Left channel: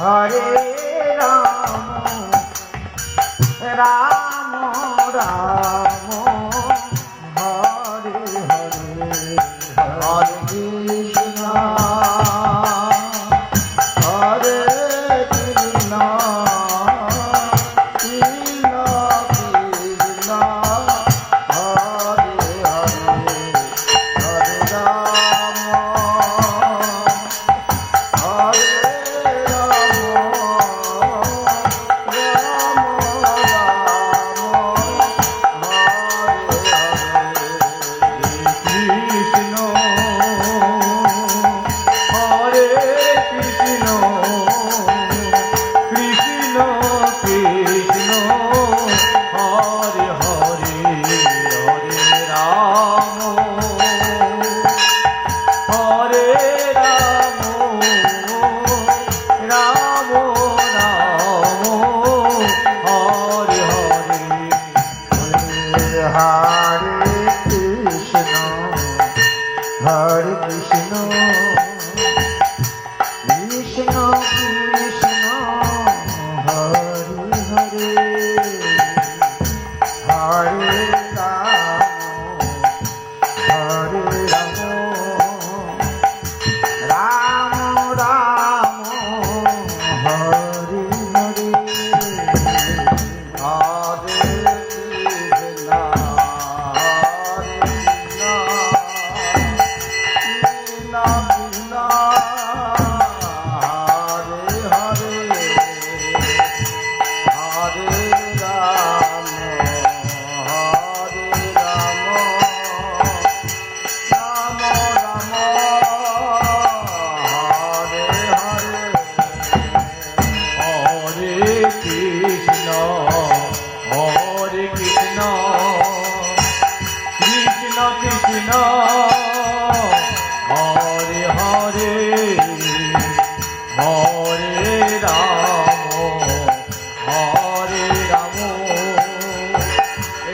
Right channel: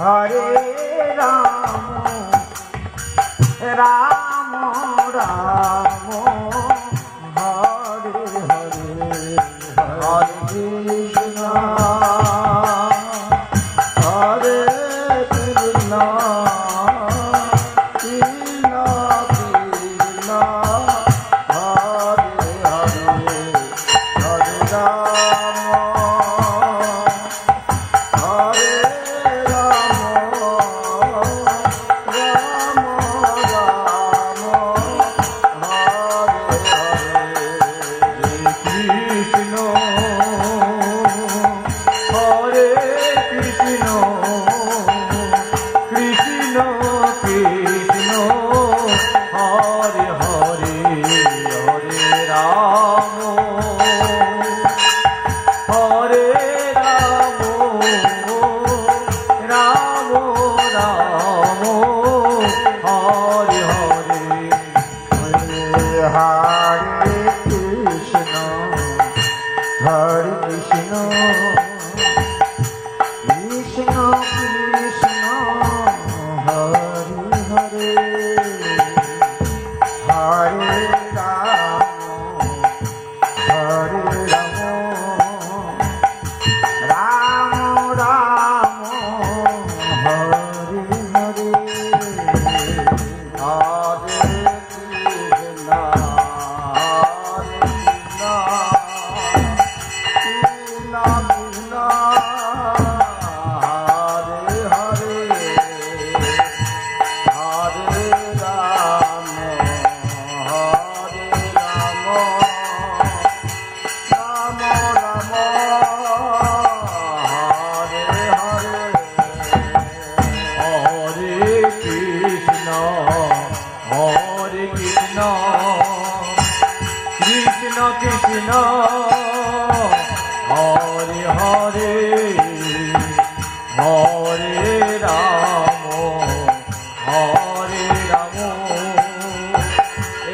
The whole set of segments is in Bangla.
হরে রাম রাম রাম।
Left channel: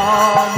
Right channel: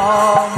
Oh.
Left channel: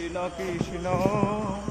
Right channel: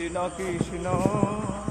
কৃষ্ণ কৃষ্ণ।